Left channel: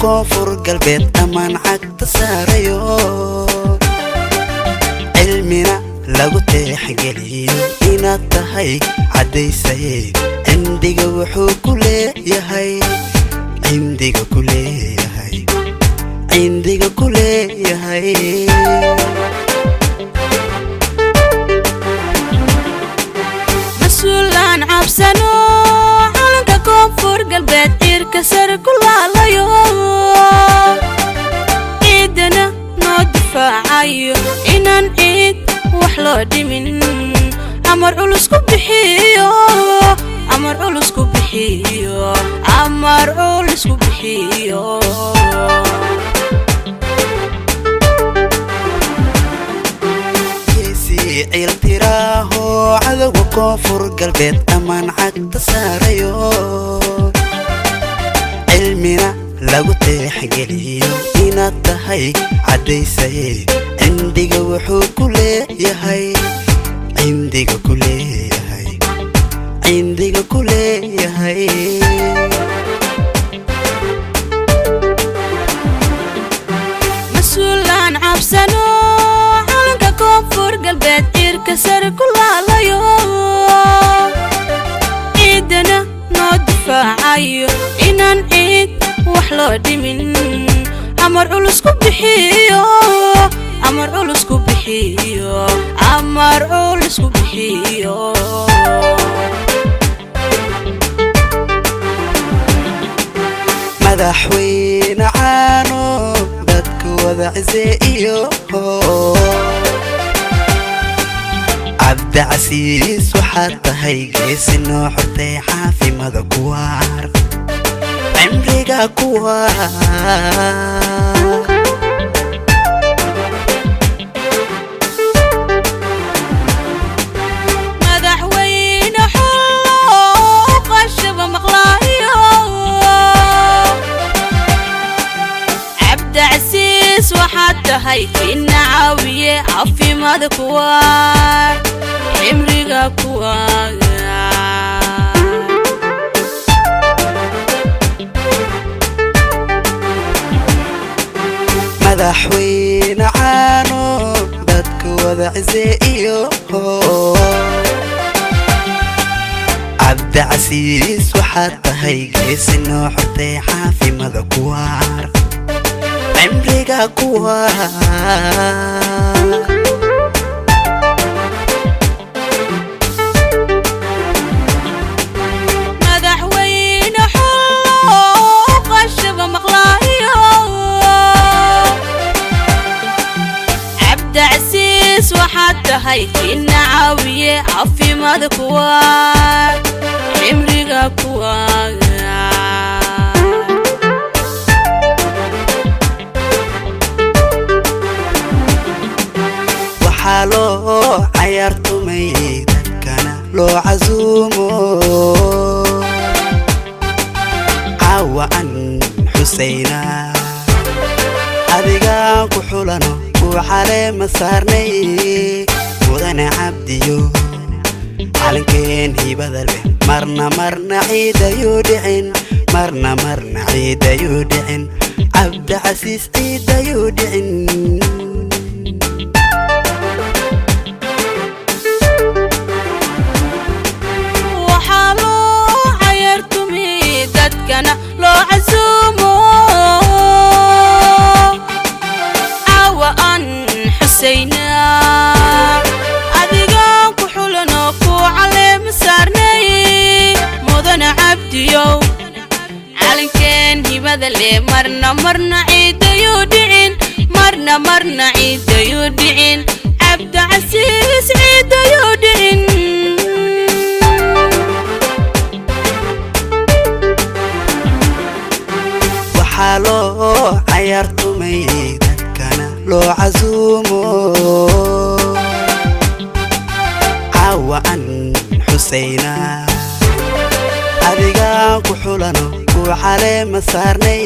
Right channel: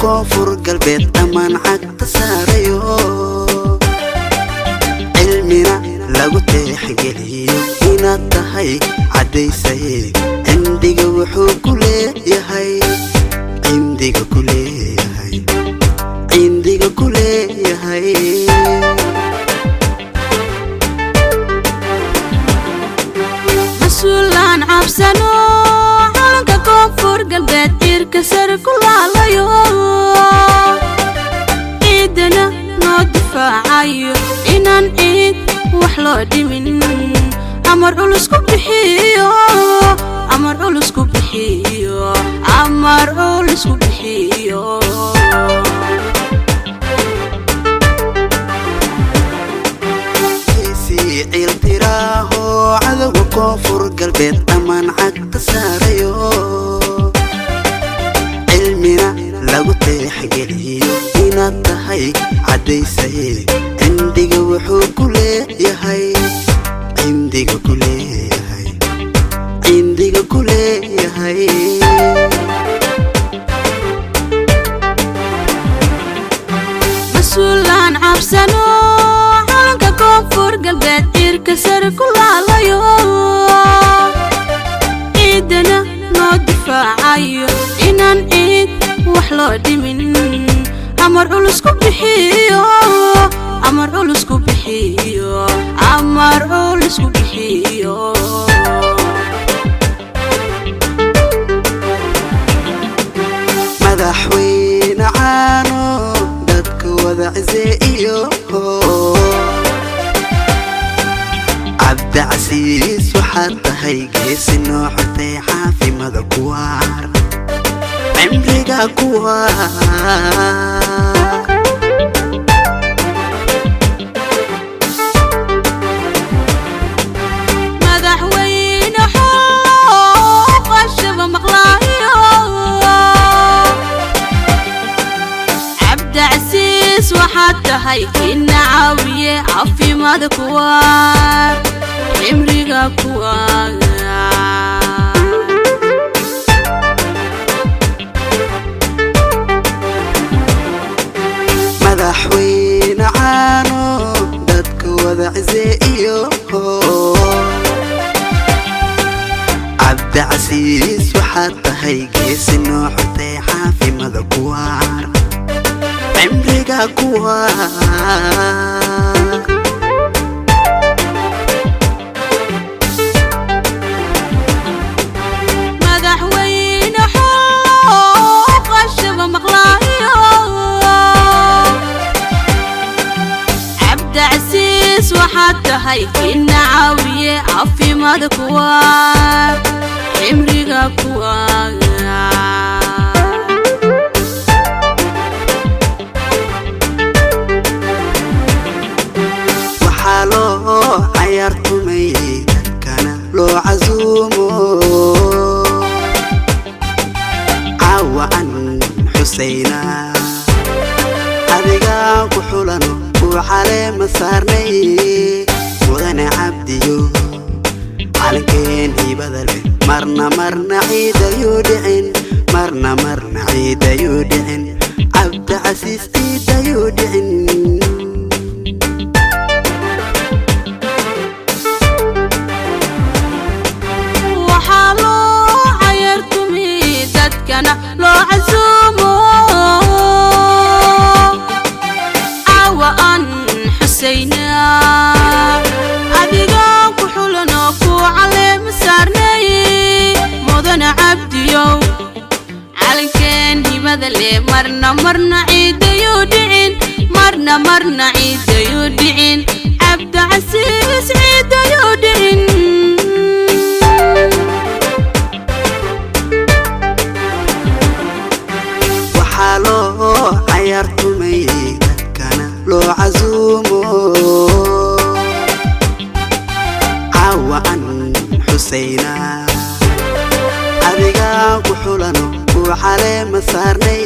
koonfur galbeed amaan cagta saarayo cilmina lagu tixgeliyo inaad tahay cadaysay cindiga wuxuu ku leeyahay cindiga ku leeyahay cindiga ku leeyahay masuulaan cabsano calanka koonfur galbeed tiirka sare ku laalayo ciidana noo difaacayo inaan ciid wax loo dhimin amar culus ku bixiyo amar culus ku bixiyo amar culus ku bixiyo iltiraaho cadowga koonfur galbeed amaan cagta saarayo cilmina lagu tixgeliyo inaad tahay cadaysay cindiga wuxuu ku leeyahay cindiga ku leeyahay cindiga ku leeyahay masuulaan cabsano calanka koonfur galbeed tiirka sare ku laalayo ciidana noo difaacayo inaan ciid wax loo dhimin amar culus ku bixiyo amar culus ku bixiyo amar culus ku bixiyo madaxweyne caano dadka wada ciseeyo cabdicasiis waxaad tahay geesi noo xortay xaafimada kuwaar cimriga kuwaar madaxweyne xooqa shaba maqlaayo cabdicasiis waxaad tahay ina caawiye caafimaada kuwaar cimriga kuwaar madaxweyne caano dadka wada ciseeyo cabdicasiis waxaad tahay geesi noo xortay xaafimada kuwaar cimriga kuwaar madaxweyne xooqa shaba maqlaayo cabdicasiis waxaad tahay ina caawiye caafimaada kuwaar cimriga kuwaar waxaa loo cayaartumay dadkana loo casuumo caawa an xusayna adigaan ku xulano kuu caleema saarnay mudane cabdiyo calinkeen hibada leh marna marna ciidayuu dhicin marna marna ciidayuu dhicin cabdicasiis ciidayuu dhicin waxaa loo cayaartumi dadkana loo casuumo caawa aan xusayna adigaan ku xulano kuu caleema saarnay mudane cabdiyow calinkeen hibada leh marna marna ciidayuu dhicin marna marna ciidayuu dhicin cabdicasiis ciidayuu dhicin waxaa loo cayaartumay dadkana loo casuumo caawa an xusayna adigaan ku xulano kuu caleema saarnay